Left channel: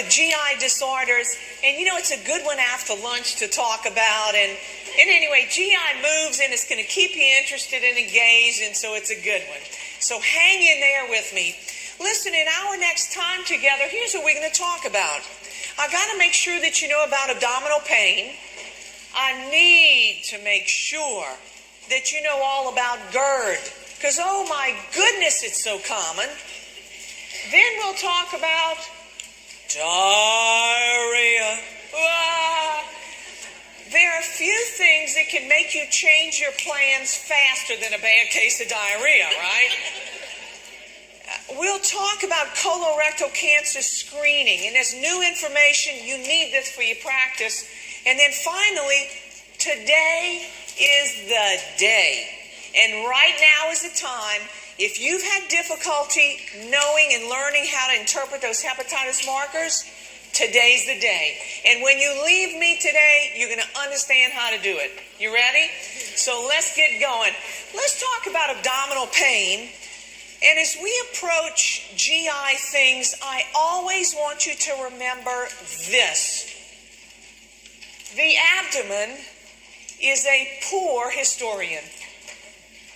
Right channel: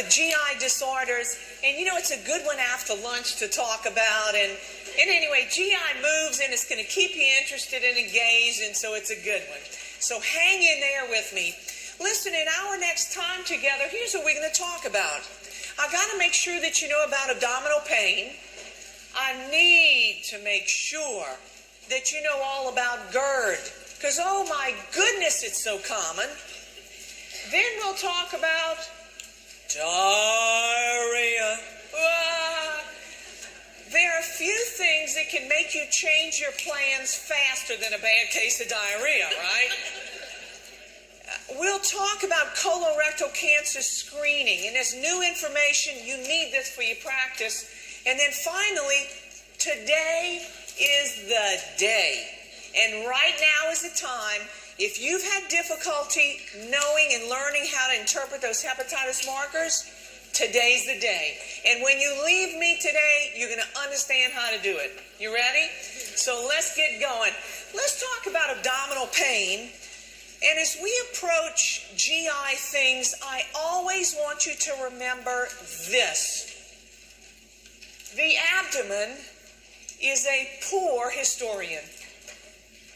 with GI disorders, and it's a good one after lunch to talk about. And anyway, GI moves, and it's going to keep you interested and engaged, and so it's a good one. So hang in there with me. Listen, in our next time together, here's what we're going to talk about. I got to make sure that you know about abdominal pain. I need to make sure that you know all about GERD, because oh my goodness, it's so common. Then we'll talk about diarrhea. There are few things that can make you change your plans faster than a bad case of diarrhea, right? We'll talk about colorectal cancer screening, and as new information, you need this for your practice. And then finally, today is the day. And right now is the time. If you've had difficulty knowing and learning how to interpret those hepatitis markers, today's the day. And when you leave me today, you're going to understand how to do it. You ready? So let's get going. Let's talk about abdominal pain. And as we approach GI things, I always want you to remember this. The abdomen is a poor historian.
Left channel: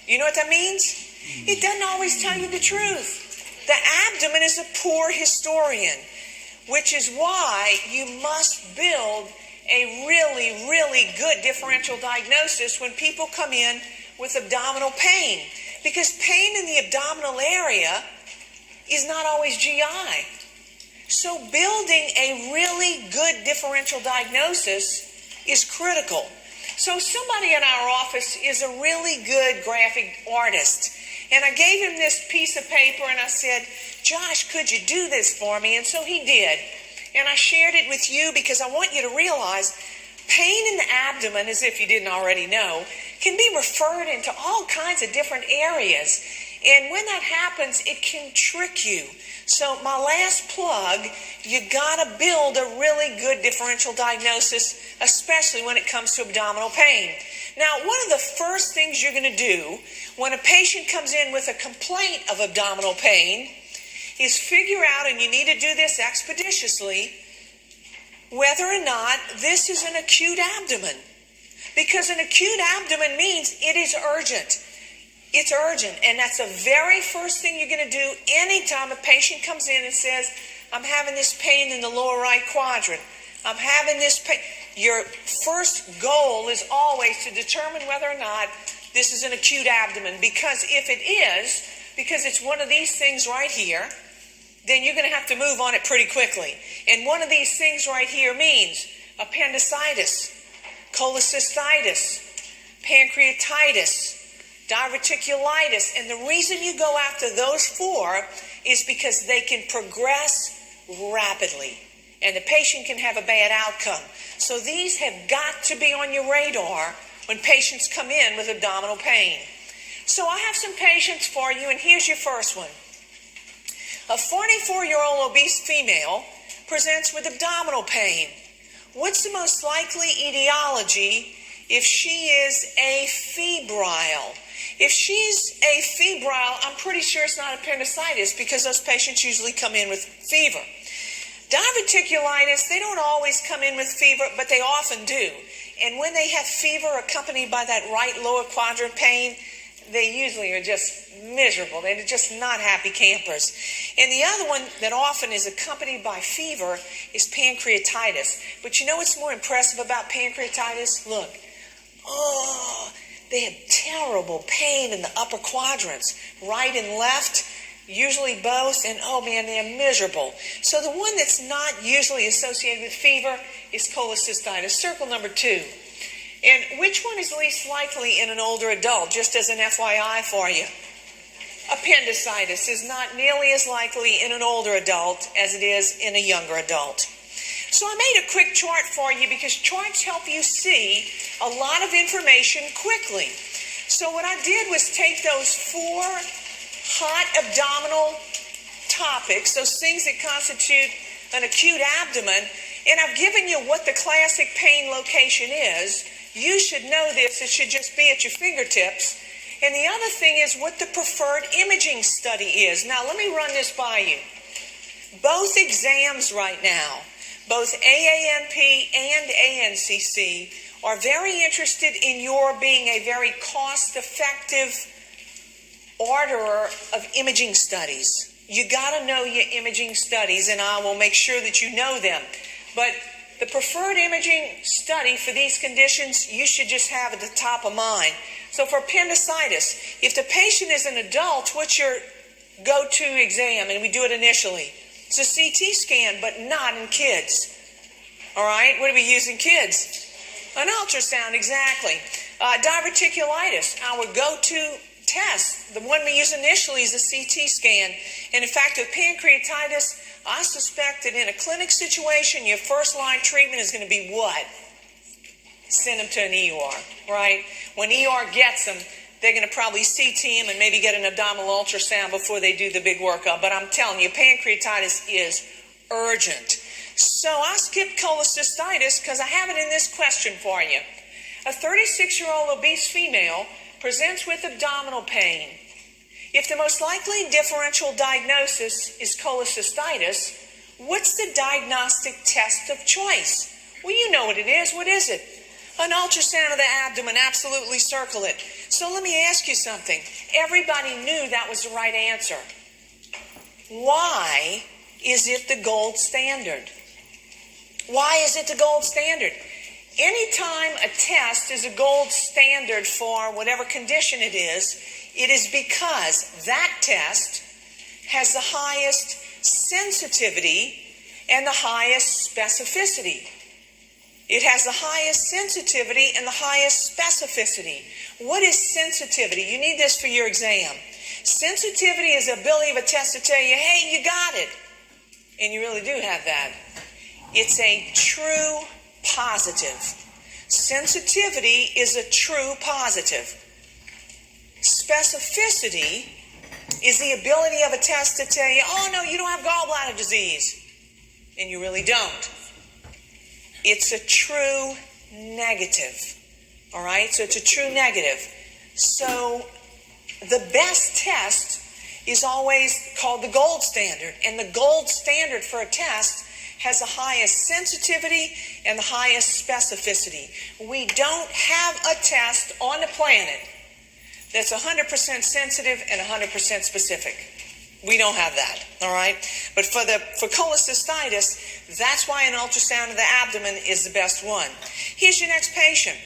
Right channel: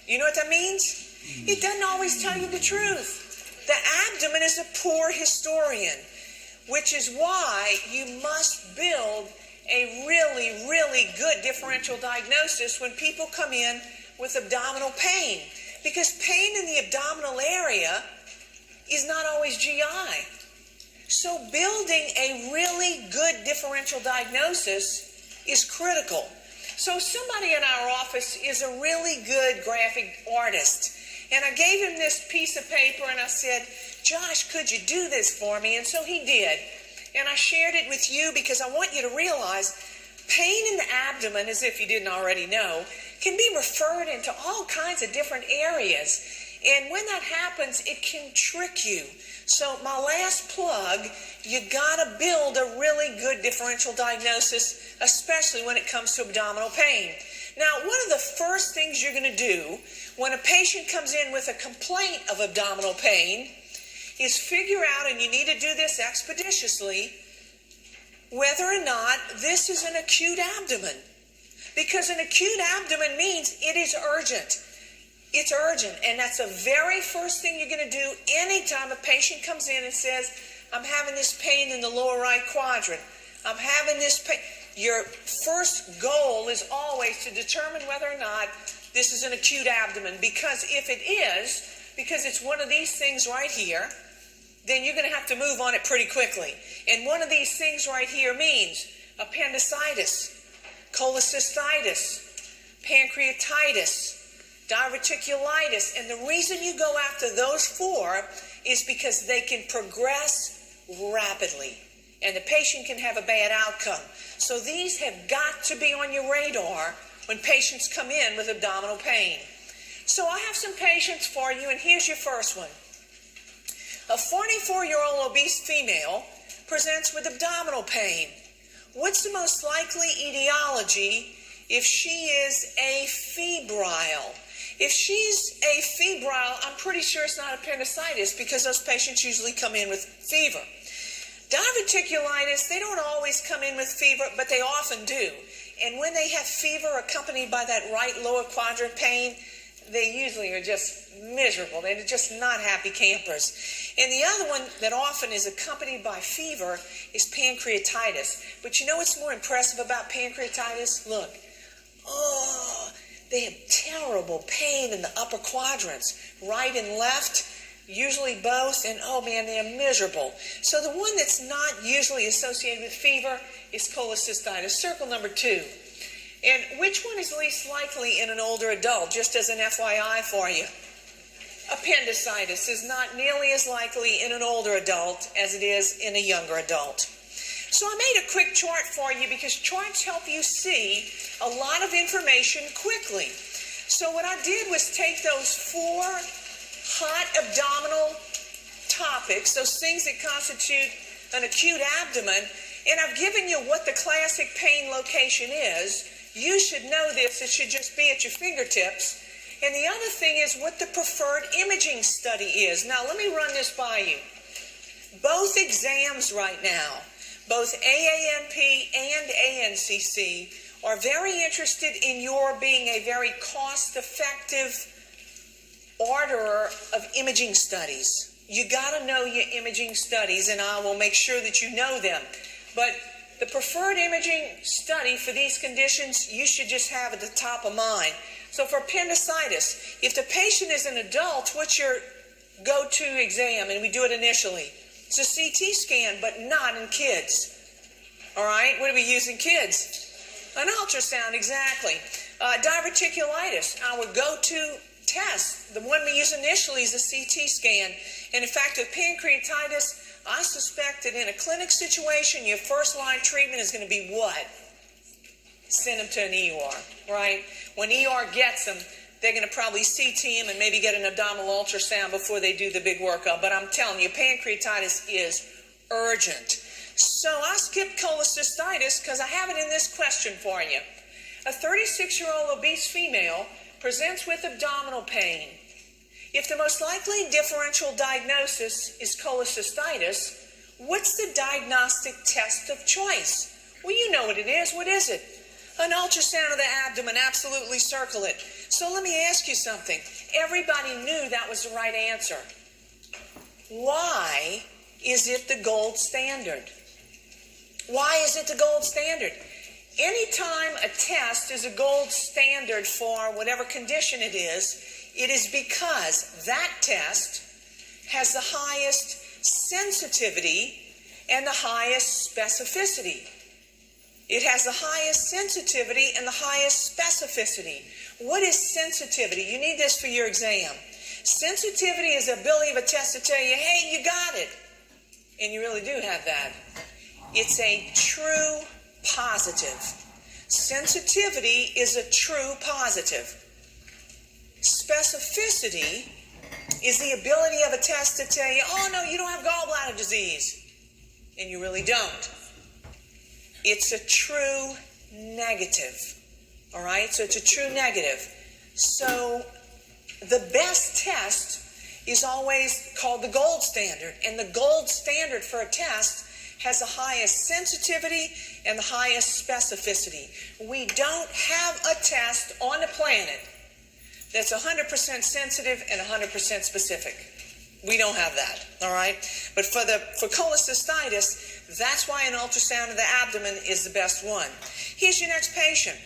You know what that means? It doesn't always tell you the truth. The abdomen is a poor historian, which is why you must build a really, really good differential diagnosis when people come in with abdominal pain. Because pain in the abdominal area is not always GI. So building a really good differential diagnosis is critical. So somebody in our office is a really good graphic artist. And I gave him this piece of paper and I said, Josh, could you do this for me? And so he did. And I shared it with you because I want you to realize pain in the abdomen, as if you didn't already know, can be referred into all kinds of different areas. And when that happens, it can trick you. So my last plug, you gotta build a really good differential diagnosis, especially when it comes to abdominal pain. Now, one of the first things you're gonna do when a patient comes in with a complaint of abdominal pain is figure out, and you need to do this expeditiously, whether or not this is an acute abdomen. Because an acute abdomen means it is urgent. It's urgent, and that's the very first thing you're going to do anytime a patient comes in and says, I'm having this pain in the lower right quadrant. I'm having this pain. Your first goal is always to determine whether or not this is an acute abdomen, because if it is, because it's one of these things right here, then you're going to have to move on it pretty quickly. And one of these things right here means appendicitis, cholecystitis, pancreatitis, diverticulitis. And the reason you go after those four is because they can progress rapidly and the patient can have a bad outcome. So these have got to be on your radar when patients come in with abdominal pain. So I have some patients for you, and here's your first one. A 44-year-old obese female presents with abdominal pain. What's the most likely etiology if she is afebrile? If she's afebrile, I'm pretty sure it's not appendicitis, because those patients usually come in with fever. Diverticulitis, they don't always come in with fever, but they often do. And when they have fever accompanied by that right lower quadrant pain, they usually are just miserable. They're just not happy campers. And the other one that often is accompanied by fever is pancreatitis. But you know what's more impressive about pancreatitis? Look. Oh, they have terrible pain in the upper quadrants, right and left, usually both, and oh man, they're miserable. So the one that's not usually associated with fever is cholecystitis. Circle number 2. And which one is least likely in an older adult, just as an FYI for you? Appendicitis is not nearly as likely in an older adult as it is in a younger adult. So I made a quick chart for you because charts help you see a lot of information quickly. So what I did was take those 4 hot abdominal topics, those things that constitute an acute abdomen, and I've given you what the classic pain location is. You should know this. It should just be at your fingertips. And the other thing is what the preferred imaging study is. Now, let me run this by you. Both exams right now, both AANP and ANCC, are very interested in your being a very cost-effective orderer of imaging studies. You got to know your imaging studies, and I will make sure that you know them. But the preferred imaging study for these conditions, you should just have at the top of mind. So for appendicitis, if the patient is an adult, what's your go-to exam? And we do it initially. It's a CT scan, but not in kids. All right? What do we use in kids? An ultrasound, exactly. Diverticulitis, our go-to test. The one we use initially is a CT scan. And in fact, with pancreatitis, I suspect that in a clinic situation, your first line treatment is going to be what? Send them to an ER, right? When ER gets them, they're going to probably CT him and maybe get an abdominal ultrasound before they do the big workup. But I'm telling you, pancreatitis is urgent. So I skipped cholecystitis because I have it in this question for you. A 36-year-old obese female presents with abdominal pain. If the most likely differential diagnosis is cholecystitis, what's the diagnostic test of choice? Well, you know what it is. What is it? An ultrasound of the abdomen. Absolutely circle it. So let me ask you something. Everybody knew that was the right answer. Why is it the gold standard? Why is it the gold standard? Anytime a test is a gold standard for whatever condition it is because that test has the highest sensitivity and the highest specificity. It has the highest sensitivity and the highest specificity. What is sensitivity? You need this for your exam. Sensitivity is the ability of a test to tell you, hey, you got it. And you really do have that. It's a true positive. Sensitivity is a true positive. Specificity is the ability of a test to tell you, oh no, you don't have gallbladder disease. And you really don't. It's a true negative. All right? So it's a true negative. So the best test is always called the gold standard. And the gold standard for a test has the highest sensitivity and the highest specificity. We don't have a test on the planet that's 100% sensitive and 100% specific. We don't have that, all right? But for cholecystitis, that's why an ultrasound of the abdomen is the best one. Here's your next patient.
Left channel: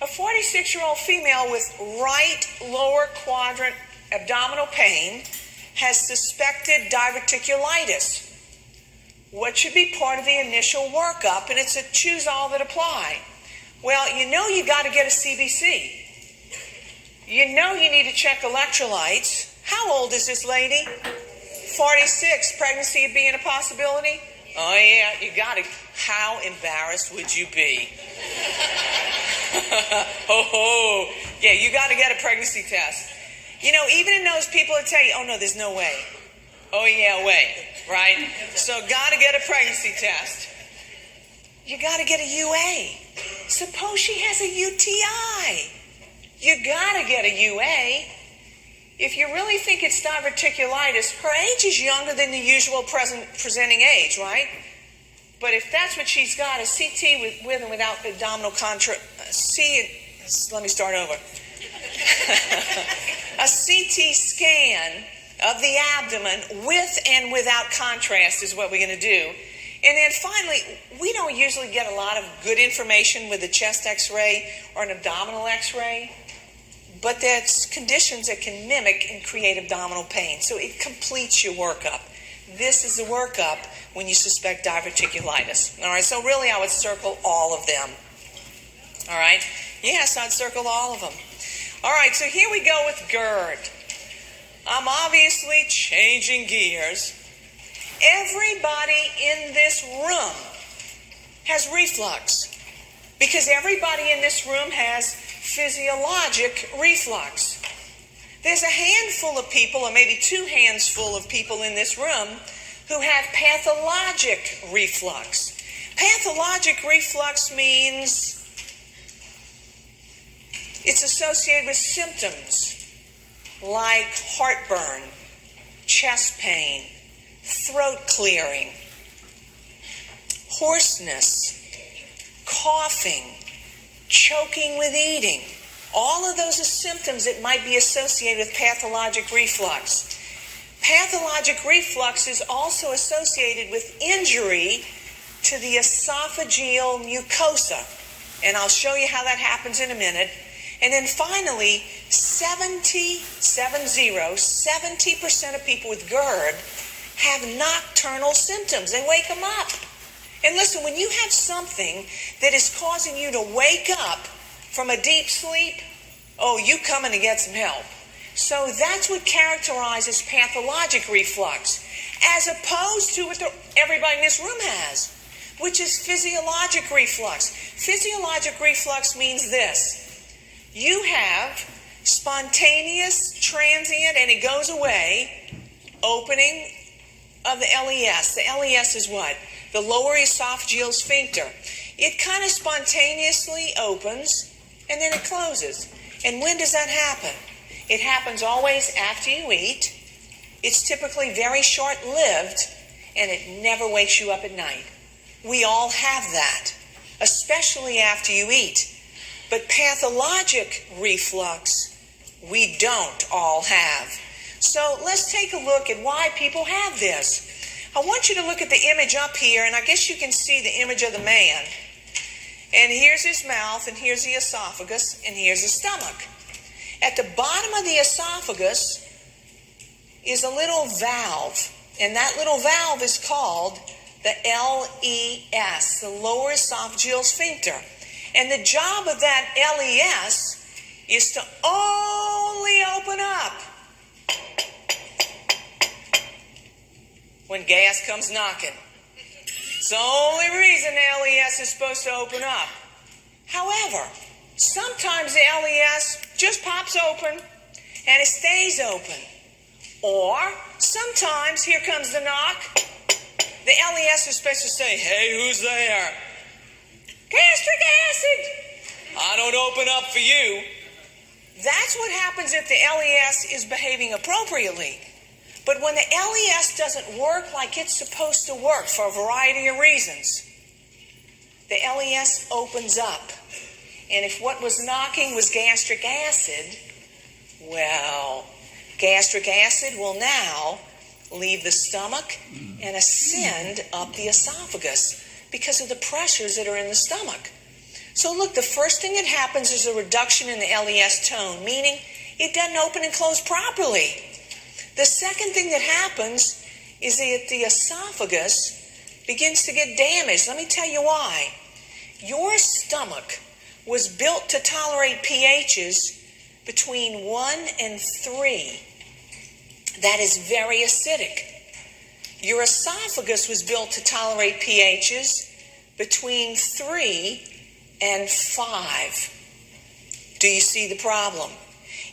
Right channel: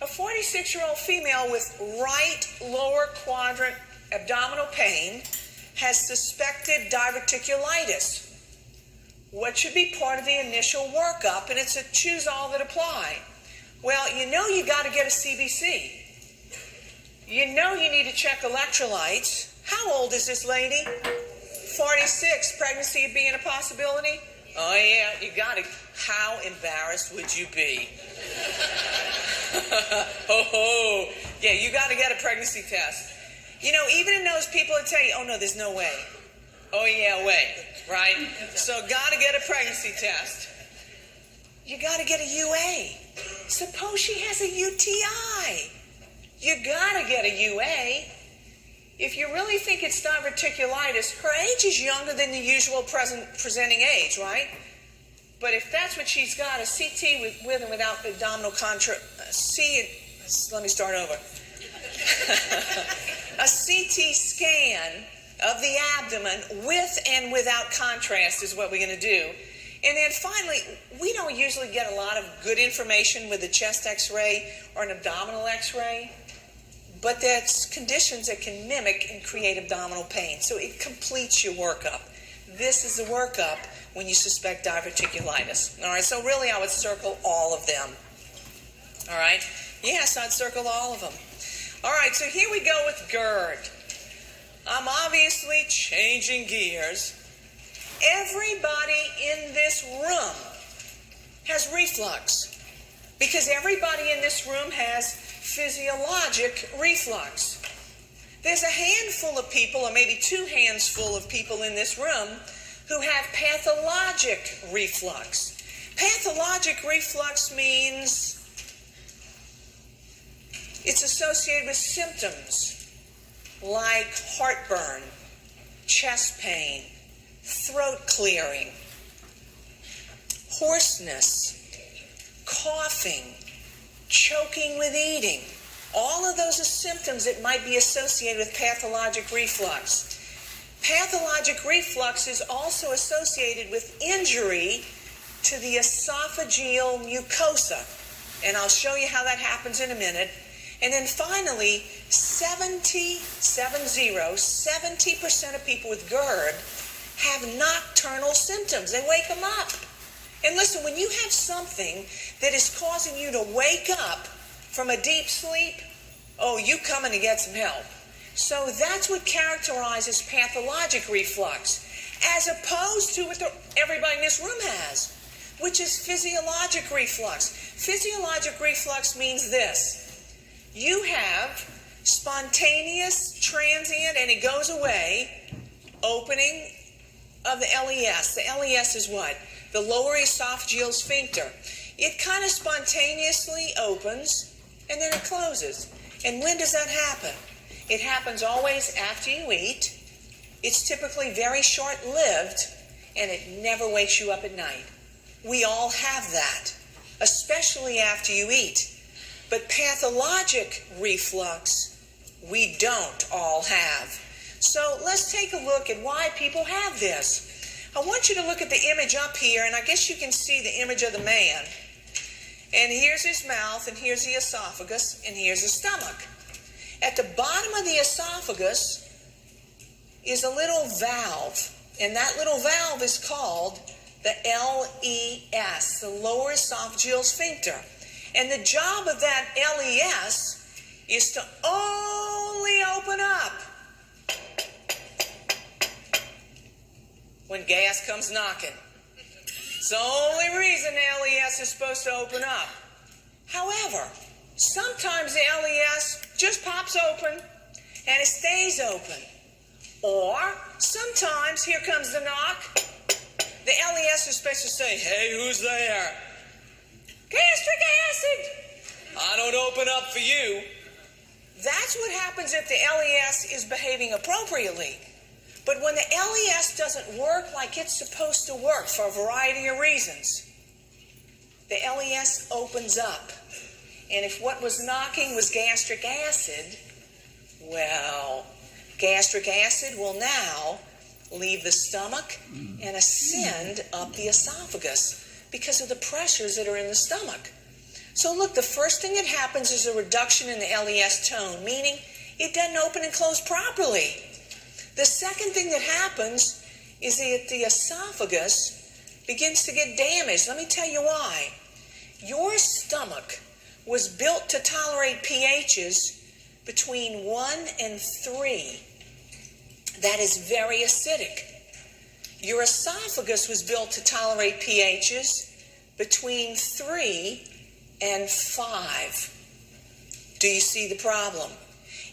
A 46-year-old female with right lower quadrant abdominal pain has suspected diverticulitis. What should be part of the initial workup? And it's a choose all that apply. Well, you know you got to get a CBC. You know you need to check electrolytes. How old is this lady? 46. Pregnancy being a possibility? Oh yeah, you got to. How embarrassed would you be? Oh, yeah, you got to get a pregnancy test. You know, even in those people that tell you, oh no, there's no way. Oh yeah, way, right? So got to get a pregnancy test. You got to get a UA. Suppose she has a UTI. You got to get a UA. If you really think it's diverticulitis, her age is younger than the usual presenting age, right? But if that's what she's got, a CT with and without abdominal let me start over. A CT scan of the abdomen with and without contrast is what we're going to do. And then finally, we don't usually get a lot of good information with a chest x-ray or an abdominal x-ray, but there's conditions that can mimic and create abdominal pain. So it completes your workup. This is the workup when you suspect diverticulitis. All right, so really I would circle all of them. All right, yes, I'd circle all of them. All right, so here we go with GERD. I'm obviously changing gears. Everybody in this room has reflux because everybody in this room has physiologic reflux. There's a handful of people, or maybe two hands full of people in this room who have pathologic reflux. Pathologic reflux means it's associated with symptoms like heartburn, chest pain, throat clearing, hoarseness, coughing, choking with eating. All of those are symptoms that might be associated with pathologic reflux. Pathologic reflux is also associated with injury to the esophageal mucosa. And I'll show you how that happens in a minute. And then finally, 70% of people with GERD have nocturnal symptoms. They wake them up. And listen, when you have something that is causing you to wake up from a deep sleep, oh, you coming to get some help. So that's what characterizes pathologic reflux, as opposed to what everybody in this room has, which is physiologic reflux. Physiologic reflux means this. You have spontaneous, transient, and it goes away, opening of the LES. The LES is what? The lower esophageal sphincter. It kind of spontaneously opens and then it closes. And when does that happen? It happens always after you eat. It's typically very short-lived, and it never wakes you up at night. We all have that, especially after you eat. But pathologic reflux, we don't all have. So let's take a look at why people have this. I want you to look at the image up here, and I guess you can see the image of the man. And here's his mouth, and here's the esophagus, and here's the stomach. At the bottom of the esophagus is a little valve, and that little valve is called the LES, the lower esophageal sphincter. And the job of that LES is to only open up when gas comes knocking. It's the only reason the LES is supposed to open up. However, sometimes the LES just pops open and it stays open. Or sometimes, here comes the knock, the LES is supposed to say, hey, who's there? Gastric acid! I don't open up for you. That's what happens if the LES is behaving appropriately. But when the LES doesn't work like it's supposed to work for a variety of reasons, the LES opens up. And if what was knocking was gastric acid, well, gastric acid will now leave the stomach and ascend up the esophagus because of the pressures that are in the stomach. So look, the first thing that happens is a reduction in the LES tone, meaning it doesn't open and close properly. The second thing that happens is that the esophagus begins to get damaged. Let me tell you why. Your stomach was built to tolerate pHs between 1 and 3. That is very acidic. Your esophagus was built to tolerate pHs between 3 and 5. Do you see the problem?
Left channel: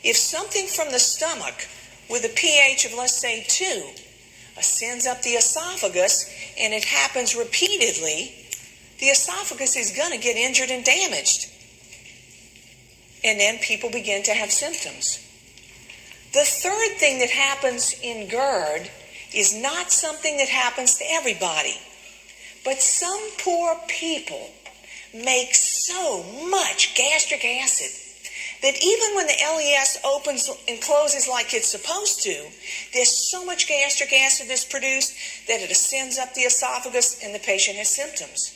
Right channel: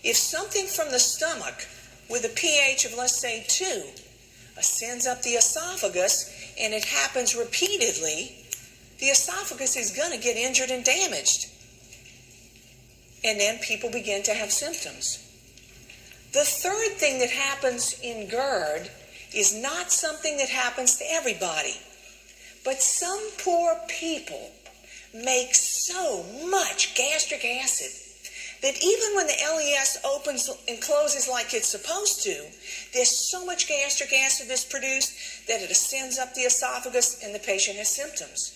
If something from the stomach with a pH of, let's say, 2 ascends up the esophagus and it happens repeatedly, the esophagus is going to get injured and damaged. And then people begin to have symptoms. The third thing that happens in GERD is not something that happens to everybody. But some poor people make so much gastric acid that even when the LES opens and closes like it's supposed to, there's so much gastric acid that's produced that it ascends up the esophagus and the patient has symptoms.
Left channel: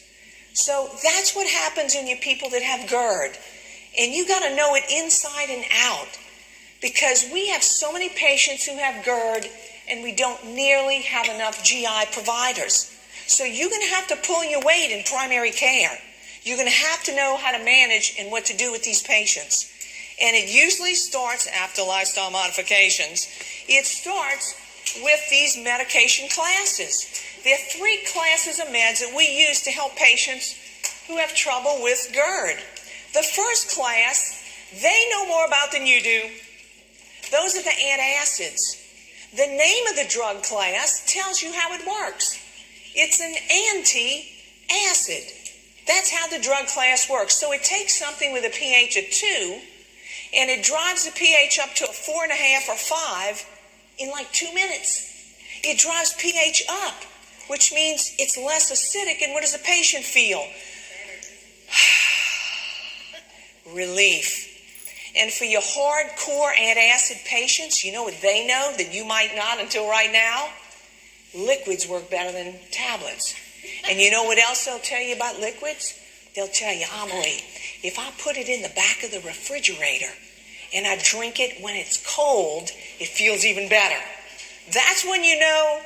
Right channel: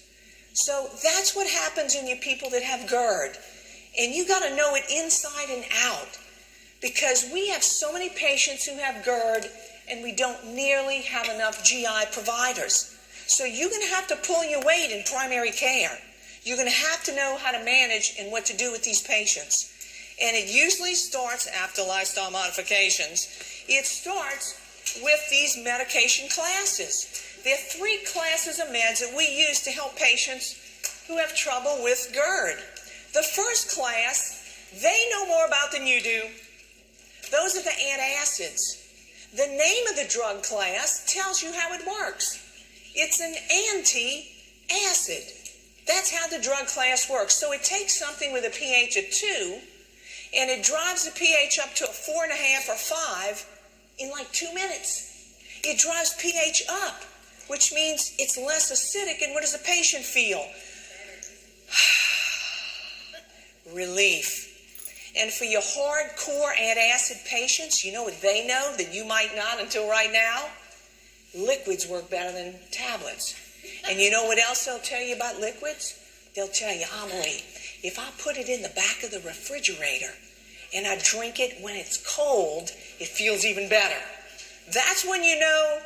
So that's what happens in you people that have GERD. And you got to know it inside and out, because we have so many patients who have GERD and we don't nearly have enough GI providers. So you're going to have to pull your weight in primary care. You're going to have to know how to manage and what to do with these patients. And it usually starts after lifestyle modifications. It starts with these medication classes. There are 3 classes of meds that we use to help patients who have trouble with GERD. The first class, they know more about than you do. Those are the antacids. The name of the drug class tells you how it works. It's an anti-acid. That's how the drug class works. So it takes something with a pH of 2 and it drives the pH up to a 4.5 or 5 in like 2 minutes. It drives pH up, which means it's less acidic. And what does the patient feel? Relief. And for your hardcore antacid patients, you know what they know that you might not until right now? Liquids work better than tablets. And you know what else they'll tell you about liquids? They'll tell you, Amelie, if I put it in the back of the refrigerator and I drink it when it's cold, it feels even better. That's when you know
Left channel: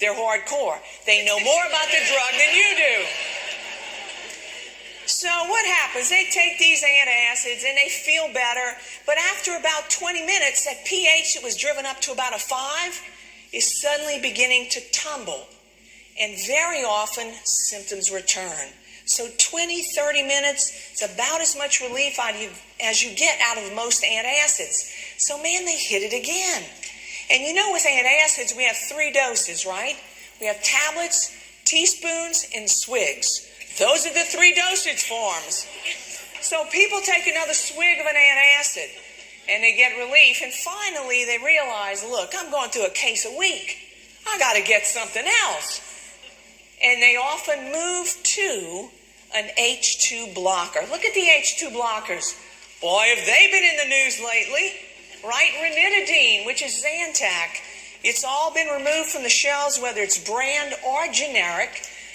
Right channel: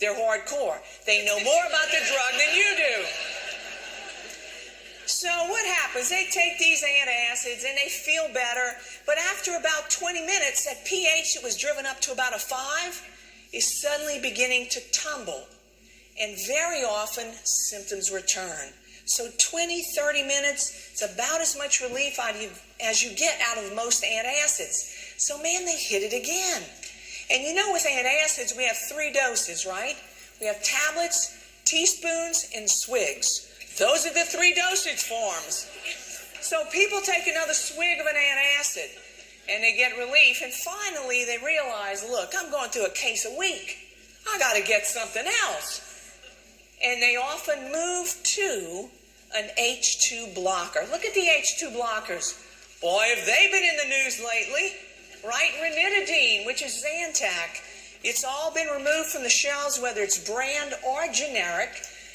they're hardcore. They know more about the drug than you do. So what happens? They take these antacids and they feel better, but after about 20 minutes, that pH that was driven up to about a 5 is suddenly beginning to tumble. And very often, symptoms return. So 20, 30 minutes is about as much relief out of you as you get out of most antacids. So man, they hit it again. And you know with antacids, we have 3 doses, right? We have tablets, teaspoons, and swigs. Those are the 3 dosage forms. So people take another swig of an antacid and they get relief. And finally they realize, look, I'm going through a case a week. I got to get something else. And they often move to an H2 blocker. Look at the H2 blockers. Boy, have they been in the news lately, right? Ranitidine, which is Zantac. It's all been removed from the shelves, whether it's brand or generic,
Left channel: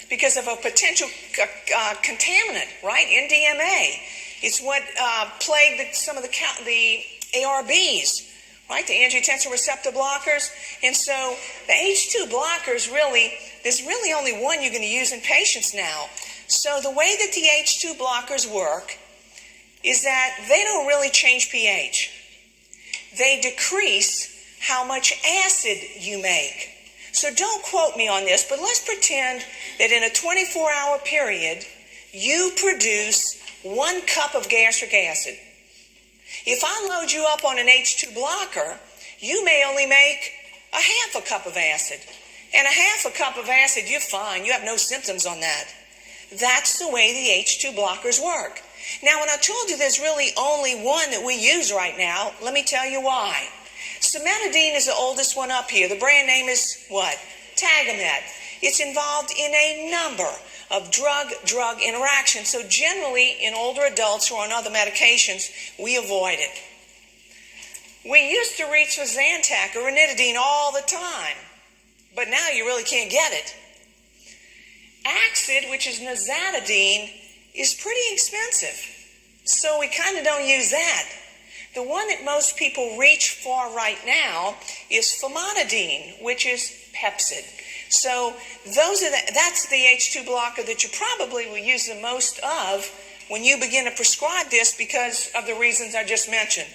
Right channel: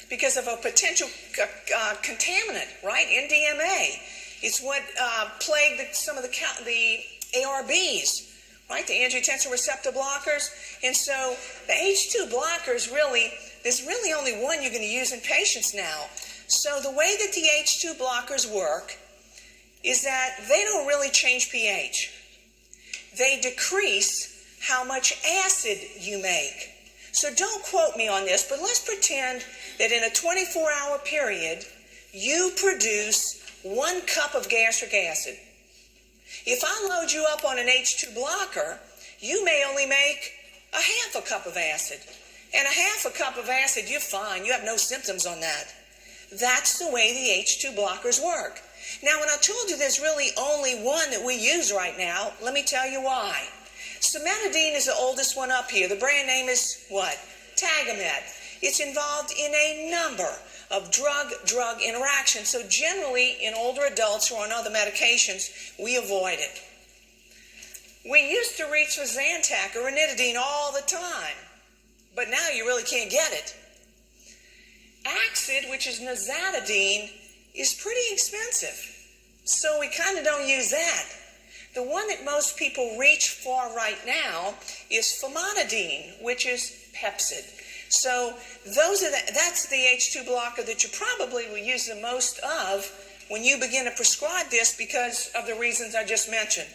because of a potential contaminant, right? NDMA. It's what plagued some of the ARBs, right? The angiotensin receptor blockers. And so the H2 blockers there's really only one you're going to use in patients now. So the way that the H2 blockers work is that they don't really change pH. They decrease how much acid you make. So don't quote me on this, but let's pretend that in a 24-hour period, you produce 1 cup of gastric acid. If I load you up on an H2 blocker, you may only make a half a cup of acid. And a half a cup of acid, you're fine. You have no symptoms on that. That's the way the H2 blockers work. Now, when I told you there's really only one that we use right now, let me tell you why. Cimetidine is the oldest one up here. The brand name is what? Tagamet. It's involved in a number of drug-drug interactions. So generally, in older adults who are on other medications, we avoid it. We used to reach for Zantac or ranitidine all the time, but now you really can't get it. Axid, which is nazatidine, is pretty expensive, so we kind of don't use that. The one that most people reach for right now is famotidine, which is Pepcid. So that's the H2 blocker that you probably will use the most of when you begin to prescribe this because of the reasons I just mentioned.